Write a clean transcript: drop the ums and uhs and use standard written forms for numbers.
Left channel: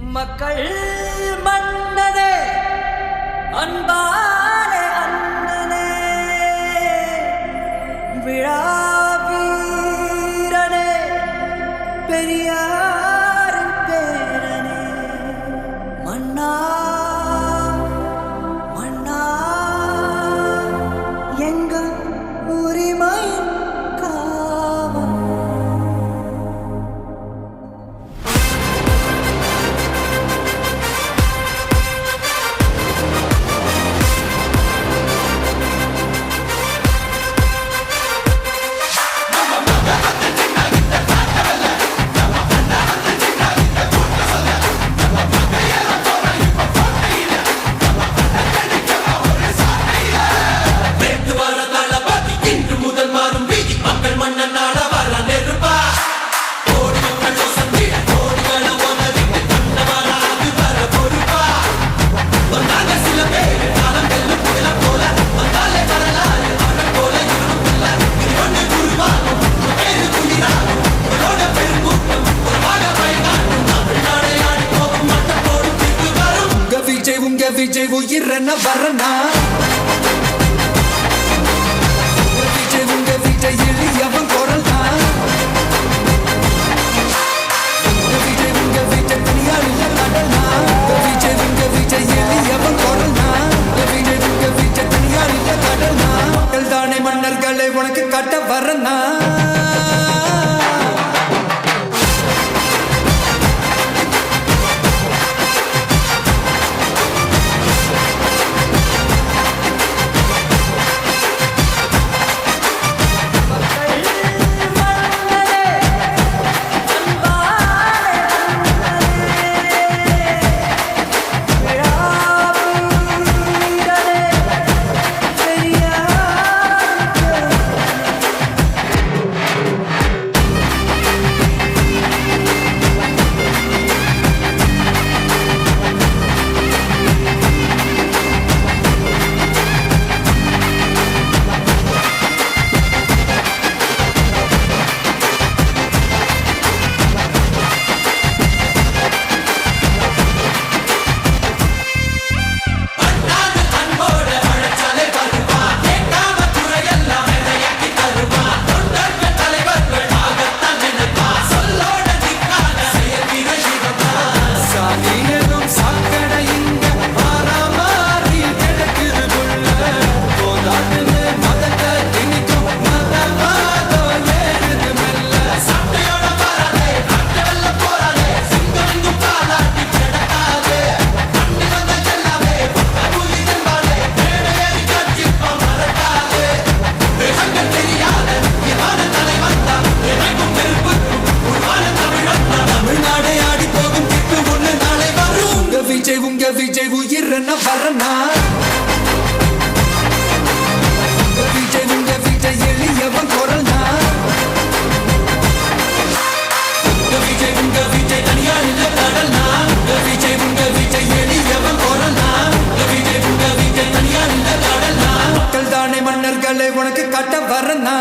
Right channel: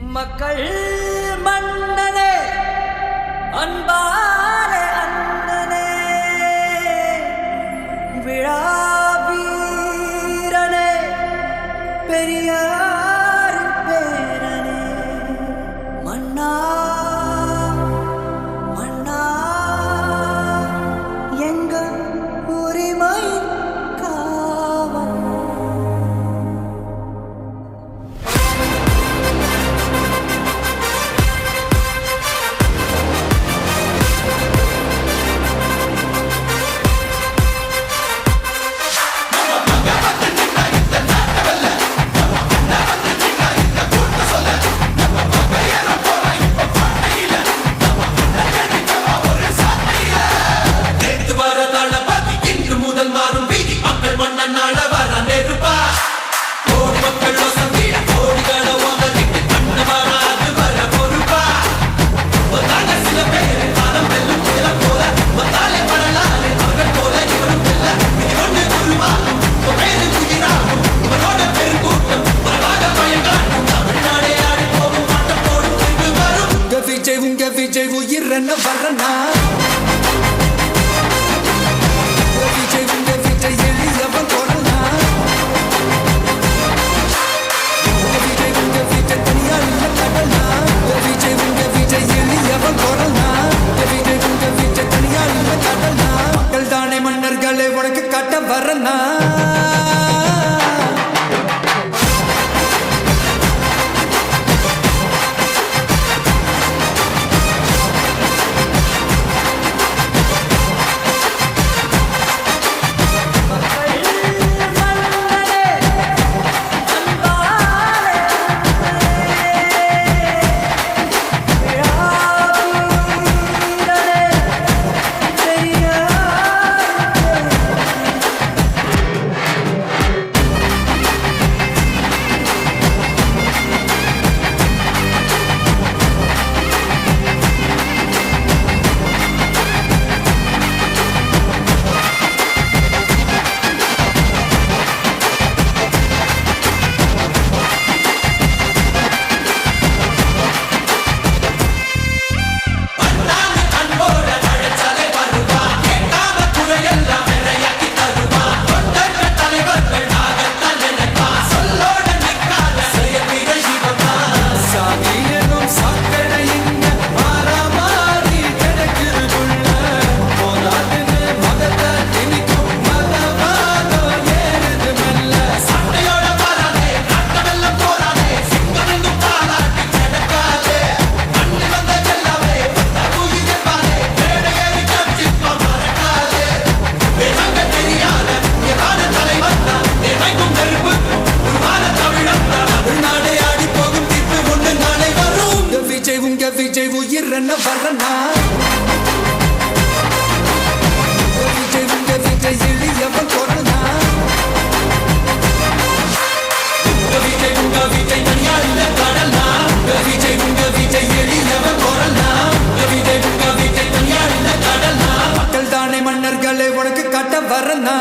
மக்கள் மன்னனே அன்பாலே அண்ணனே விழாவீரனே பெரியாரின் பேரனே மன்னா மன்னா எங்க உரிமை காவல் விஜய் உயிரன வரனா விஜய் எளியவன் குரல்னா விஜய் தனியார் இல்ல கடல்னா விஜய் எளியவன் குரல்னா விஜய் தனியார் இல்ல கடல்னா மக்கள் தானே மன்னர்களை உனக்கு காட்ட வரனா விஜய் உயிரன வரனா விஜய் எளியவன் குரல்னா விஜய் தனியார் இல்ல கடல்னா விஜய் எளியவன் குரல்னா விஜய் தனியார் இல்ல கடல்னா மக்கள் தானே மன்னர்களை உனக்கு காட்ட வரனா